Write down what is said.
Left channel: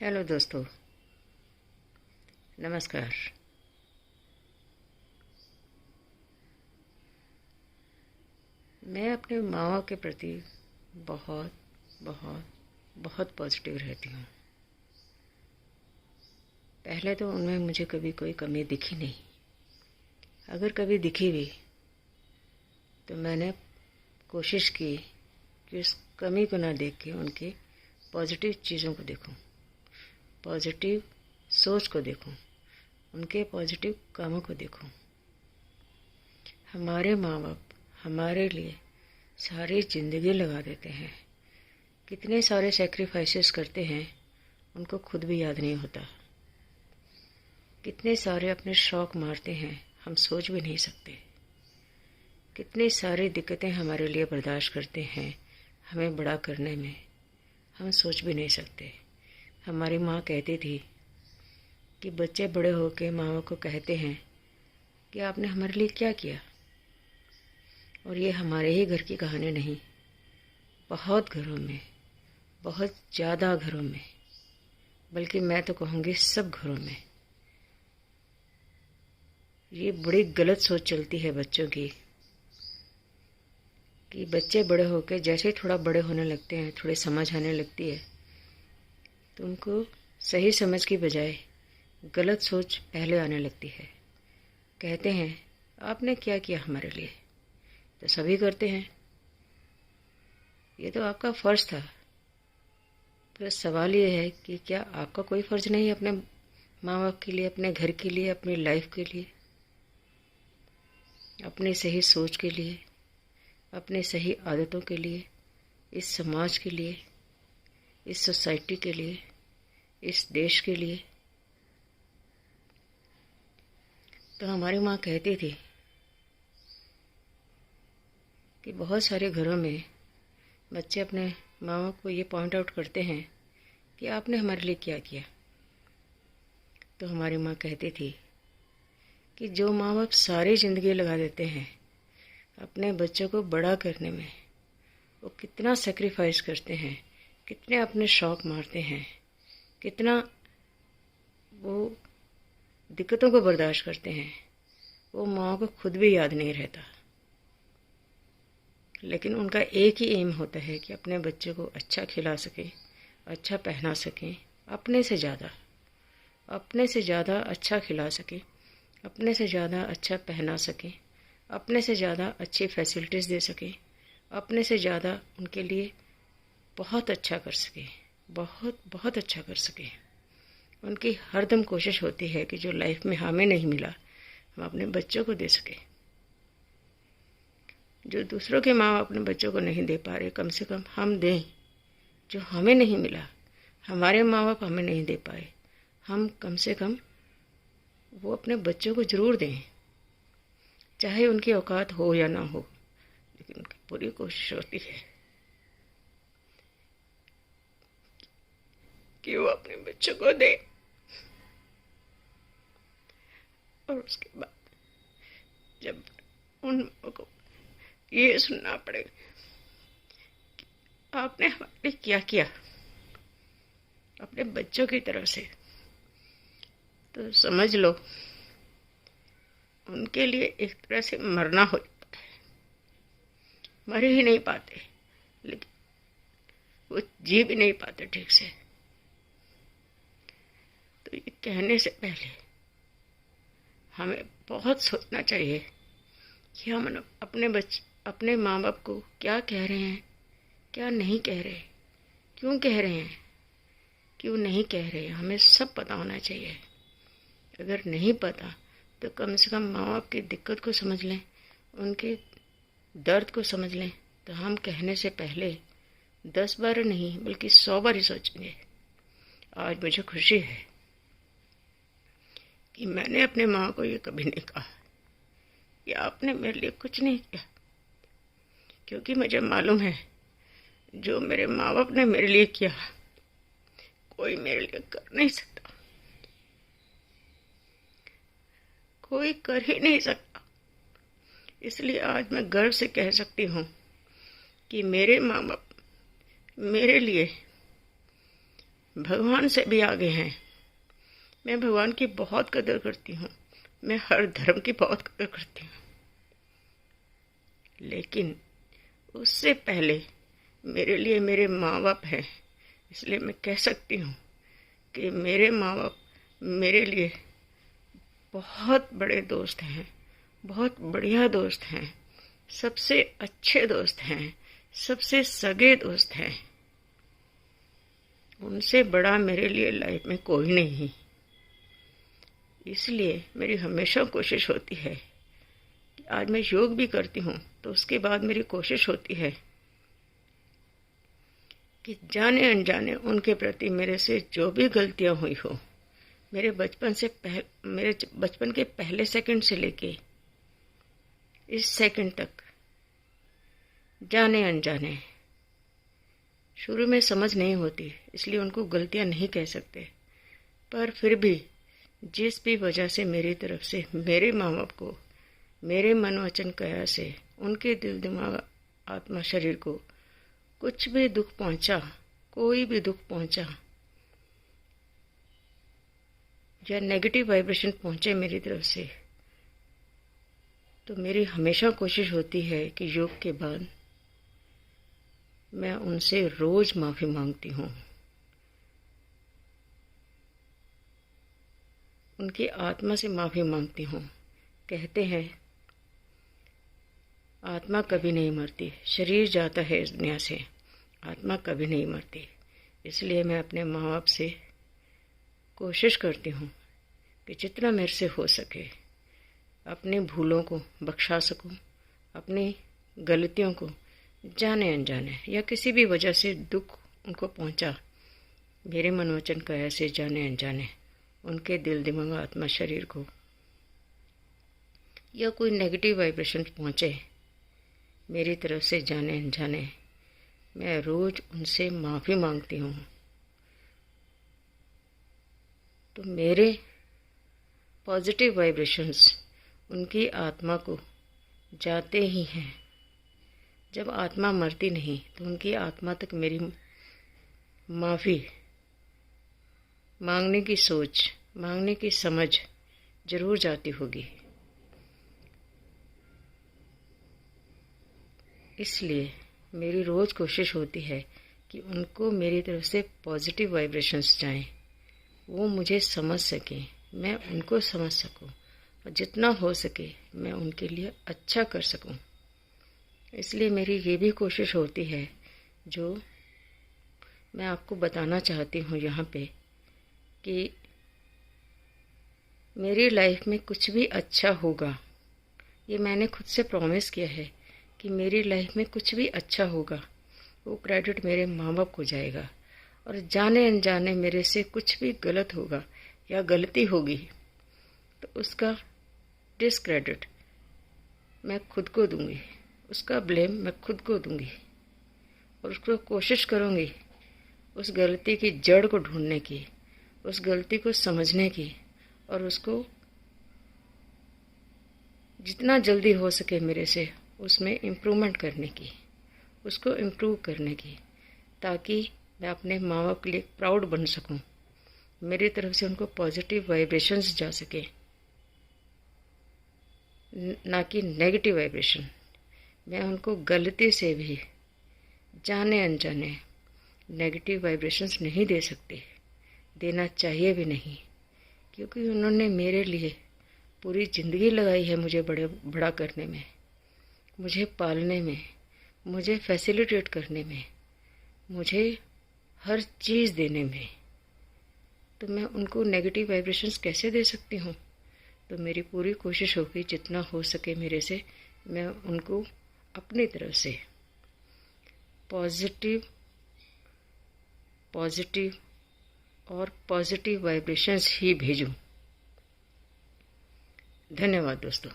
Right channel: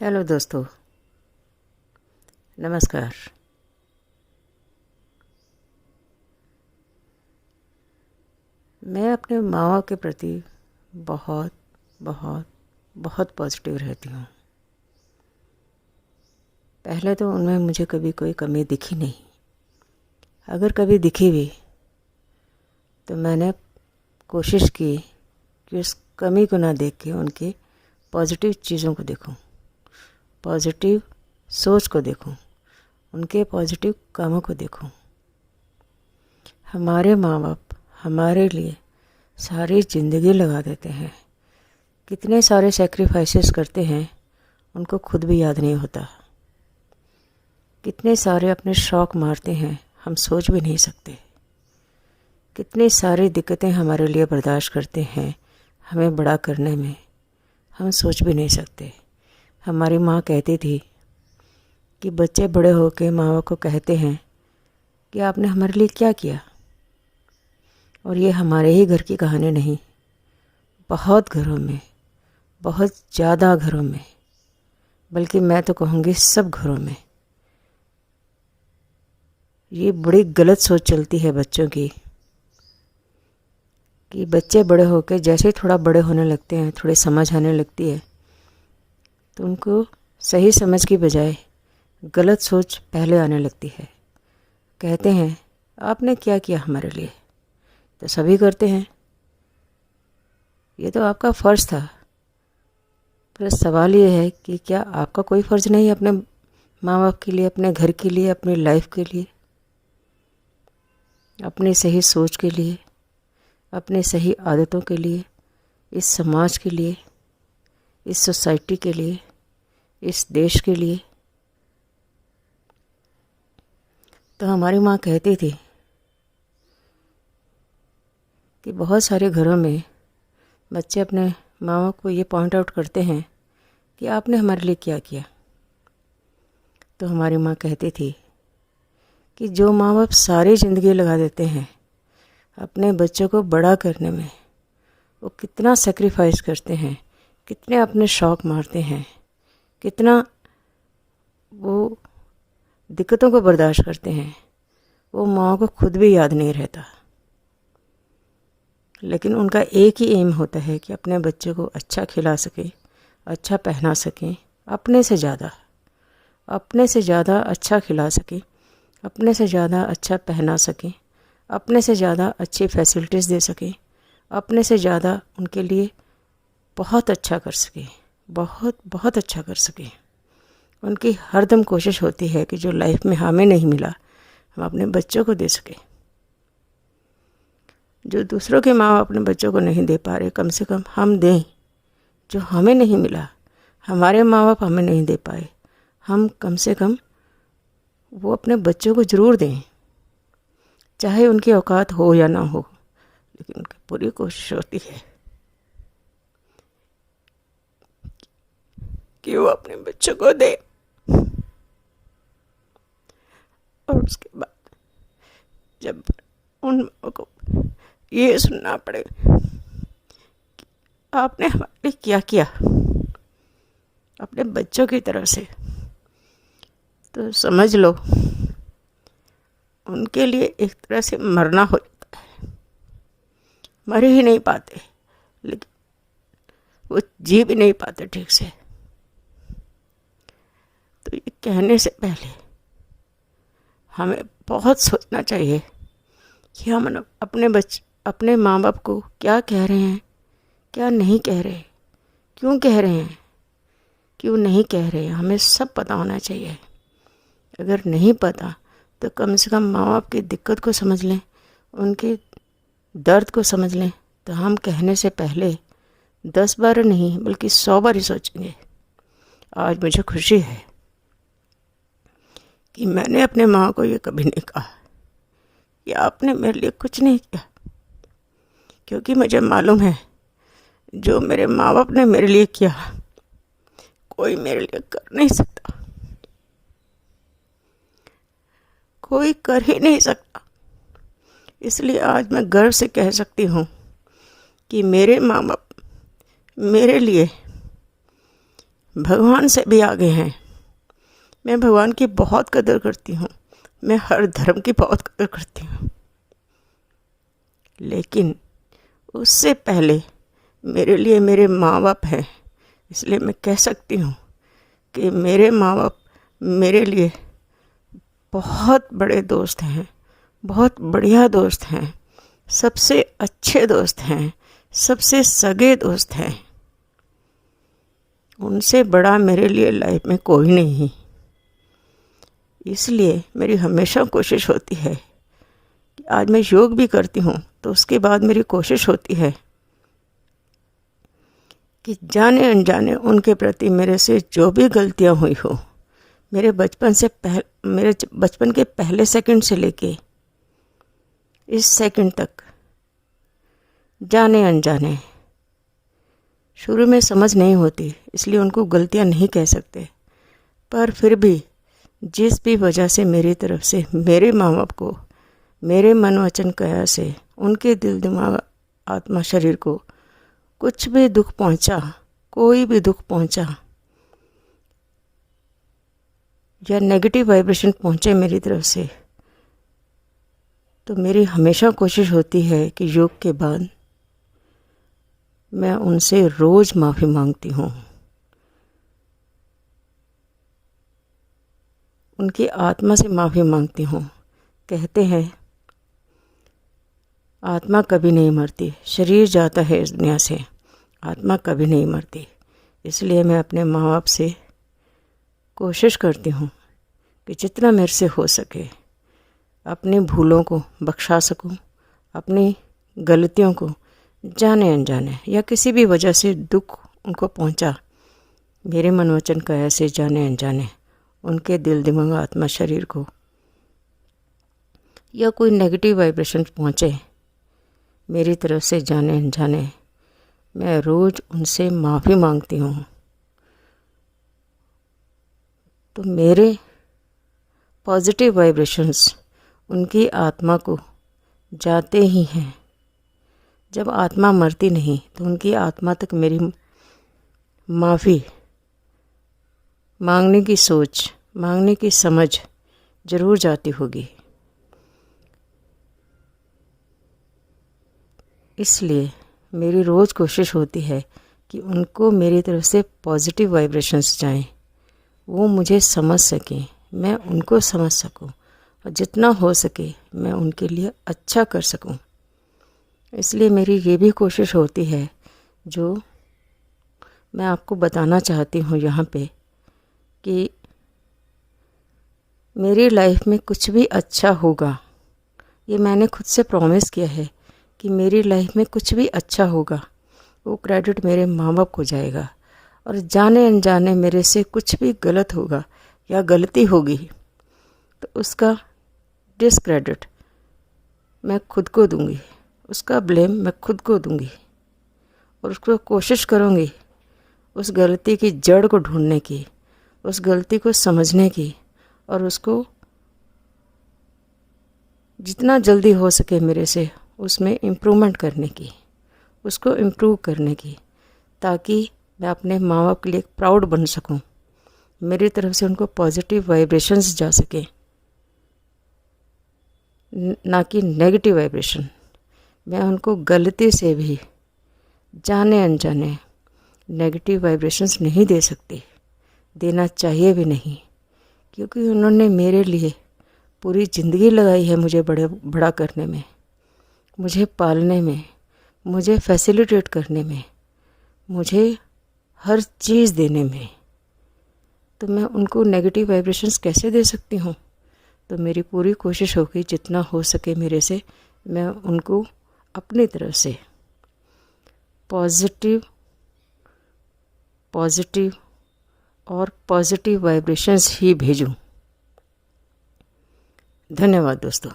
Hello दोस्तों, नमस्कार। मैं अपने माँ बाप के प्रति बहुत बहुत बहुत पॉजिटिव रहती हूँ। पहले तो उनमें मुझे कभी कोई कमी दिखी नहीं। अगर कभी दिखी भी तो मैंने कोशिश की कि उस कमी को ना देख के उनके पॉजिटिव चीज़ों को देखूं, पॉजिटिव सोच को देखूं, उनके पॉजिटिव कामों को देखूं। हमारे माँ बाप हमारे लिए सारी ज़िंदगी लगा देते हैं, कितने सारे सेक्रीफाइसेस करते हैं उनको खुद भी याद नहीं होता। कितने सारे अपने शौक़ मारते हैं हम सोच भी नहीं सकते। कितनी सारी दिक्कतें हमारे लिए बर्दाश्त करते हैं हमें बड़ा करने में, हम सोच भी नहीं सकते। हमारी माँ कहती थी कि बच्चे बड़े होकर माँ बाप को कहते हैं कि आपने हमारे लिए क्या किया। और ये हमारे ही घर की कहानी नहीं, बहुत घरों में, बहुत ज़्यादा घरों में, बल्कि मैं तो कहूँगी सब घरों में ये बड़ी गलत सोच चलती है बच्चों की कि बच्चे बड़े होकर जैसे ही थोड़ा बड़े होने लगते हैं, थोड़ी समझ आने लगती है, तो उनको सही समझ की बजाय गलत सोच पहले आने लगती है। कहते हैं आपने क्या किया हमारे लिए, तो सभी करते हैं, ये तो आपका फ़र्ज़ था। पर सवाल ये है कि क्या आपका कोई फ़र्ज़ नहीं है अपने माँ बाप के लिए, अपने घर के लिए, अपनी लाइफ के लिए, अपनी सही सोच के लिए, अपनी सही आदतों के लिए, इस समाज के लिए, इस सोसाइटी के लिए, इस देश के लिए। तो हमारी माँ कहती थी कि बहुत सारे घरों में बच्चे अपने माँ बाप को ये पॉइंट आउट करते हैं कि आपने हमारे लिए क्या किया। तो हमारी माँ कहती थी कि जो माँ बाप सारी ज़िंदगी लगा देते हैं अपने बच्चों को बड़ा करने में, वो कितना सेक्रीफाइस करते हैं, कितने अपने शौक़ मारते हैं, कितना वो दिक्कतों को बर्दाश्त करते हैं, वो माँ को खुद भी याद नहीं रहता। लेकिन उनका एक ही एम होता है कि अपने बच्चे को अच्छा खिला सके, अच्छा पहना सकें, अपने से ज़्यादा अच्छा खिला सके, अपने से ज़्यादा अच्छा पहना सकें, अपने से ज़्यादा अच्छी फैसिलिटीज़ दे सकें, अपने से ज़्यादा उनके लिए बहुत अच्छा कर सके, बहुत बहुत अच्छा कर सके। उनकी हरदम कोशिश होती है कि जो लाइफ में हमें नहीं मिला हम अपने बच्चों को दे सकें। जो दूसरों के माँ बाप अपने बच्चों को नहीं दे पा रहे, कम से कम हम दें। जो हमें नहीं मिला, हमारे माँ बाप हमें नहीं दे पाए, हम कम से कम वो अपने बच्चों को ज़रूर दें, चाहे उनकी औकात हो या ना हो। लेकिन उनकी पूरी कोशिश होती है कि वो अपने बच्चों को दे। और उसके बाद जब उन को ये सुनना पड़े कि आपने हमारे लिए क्या किया अपने बच्चों की तरफ से, तो समझ लो उनके लिए एक तरह से मरना हो जाता है। मर ही नहीं पाते, लेकिन वो जी भी नहीं पाते ठीक से। तो ये कहने से पहले हमें बहुत सोचना चाहिए कि हम अपने माँ बाप को क्या कह रहे हैं, क्या नहीं कह रहे, क्यों कह रहे हैं, क्यों नहीं कह रहे हैं, हमें सब पता होना चाहिए। अगर नहीं पता तो कम से कम माँ बाप की दिक्कत को समझ लें, उनके दर्द को समझ लें, तो हम कहने से पहले 10 बार नहीं बल्कि 100 बार ही सोचेंगे। आज मुझे खुशी है कि मैंने अपने माँ को ये कभी नहीं कहा कि आपने मेरे लिए कुछ नहीं किया, क्योंकि मुझे मालूम है जो मेरे माँ बाप ने मेरे लिए किया कोई मेरे लिए कर नहीं सकता, कोई कर ही नहीं सकता। इसलिए आज मैं गर्व से कह सकती हूँ कि मेरे माँ बाप मेरे लिए भगवान से भी आगे हैं। मैं भगवान की बहुत कदर करती हूँ, मैं हर धर्म की बहुत कदर करती हूँ, लेकिन उससे पहले मेरे लिए मेरे माँ बाप हैं। इसलिए मैं कह सकती हूँ कि मेरे माँ बाप मेरे लिए बहुत बड़े दोस्त हैं, बहुत बढ़िया दोस्त हैं, सबसे अच्छे दोस्त हैं, सबसे सगे दोस्त हैं। उनसे बड़ा मेरे लिए लाइफ में कोई नहीं। इसलिए मेरी हमेशा कोशिश होती है कि आज मैं योग भी करती हूँ तो उसके बाद मेरी कोशिश होती है कि जाने अनजाने उनके प्रति मेरे से जो भी गलतियाँ हुई हो, मेरे बचपन के पहले सेकंड से लेके इस सेकंड तक, जाने अनजाने, शुरू में समझ नहीं होती इसलिए उनको गलतियाँ नहीं कह सकते, पर फिर भी जिस भी वजह से मेरी तरफ से मेरे माँ बाप को मेरे मन वचन काया से उनके दिल दिमाग आत्मा शरीर को कुछ भी दुख पहुंचा, कोई भी दुख पहुंचा या नेगेटिव वाइब्रेशन पहुंचे मेरी तरफ से, तो मेरी हमेशा कोशिश होती है कि योग के बाद मैं उनसे रोज़ माफ़ी मांगती हूँ। उनकी आत्मा से माफ़ी मांगती हूँ। कहते हैं आत्मा कभी नहीं मरती, शरीर जाता है इस दुनिया से, आत्मा कभी नहीं मरती। इसलिए मैं अपने माँ बाप से कोशिश करती हूँ कि जितना मेरे से हो सके अपनी भूलों को बख्शा सकूँ, अपनी गलतियों को जाने अनजाने या किसी भी वजह से दुख उनको पहुँचा, मेरे मन वचन काया से जाने अनजाने उनके दिल दिमाग आत्मा शरीर को या कोई नेगेटिव वाइब्रेशन पहुँचे मेरी तरफ से जाने अनजाने, मैं रोज़ उनसे माफ़ी मांगती हूँ। तो मेरे पॉजिटिव वाइब्रेशंस उनकी आत्मा को जाते ही हैं। जब आत्मा मरती नहीं तो उनकी आत्मा तक मेरी माफ़ी मांगने की सोच, मांगने की समझ ज़रूर जाती होगी। इसलिए मेरी रोज़ कोशिश होती है कि उनको मेरी तरफ से पॉजिटिव वाइब्रेशंस जाएं, वो मुझे समझ सकें, मैं उनको समझ सकूं और जितना हो सके मैं उनके लिए अच्छा कर सकूं। इसलिए मेरी ये भी कोशिश होती है जो मैं आपको बताना चाहती हूँ यहाँ पे कि मेरी लाइफ में कुछ भी अच्छा होगा, ये मैंने खुद से प्रॉमिस किया है कि मेरी लाइफ में कुछ भी अच्छा होगा वो क्रेडिट मेरे माँ बाप को जाएगा, और जाने अनजाने मेरे से कुछ भी गलत होगा या गलती होगी तो उसका डिसक्रेडिट मैं खुद को दूंगी, उसका ब्लेम मैं खुद को दूंगी और उसको कोशिश करूंगी उस गलती की जड़ को ढूंढने की, उस गलती को समझने की और उसको जितना जल्दी हो सके मेरे से उसमें इम्प्रूवमेंट करने की, उसको इम्प्रूव करने की, ताकि मैं अपने माँ बाप के लिए प्राउड बन सकूं, मेरी तरफ से उनको पॉजिटिव वाइब्रेशंस जा सके, ना कि नेगेटिव वाइब्रेशन। मैं उनको गलती से भी जाने अनजाने नेगेटिव वाइब्रेशंस नहीं दे सकती, देना चाहिए भी नहीं, क्योंकि उन्होंने मेरे लिए पूरी ज़िंदगी लगाई है मुझे बड़ा करने में, मुझे पालने में, मुझे फैसिलिटेट करने में, मुझे हर चीज़ देने में। तो मैं उनको नेगेटिव वाइब्रेशंस कैसे दे सकती हूँ? तो मेरी पूरी कोशिश होगी जितना हो सके मेरे से मैं उनको अपनी तरफ से पॉजिटिव और पॉजिटिव वाइब्रेशंस ही भेजूं। धन्यवाद दोस्तों।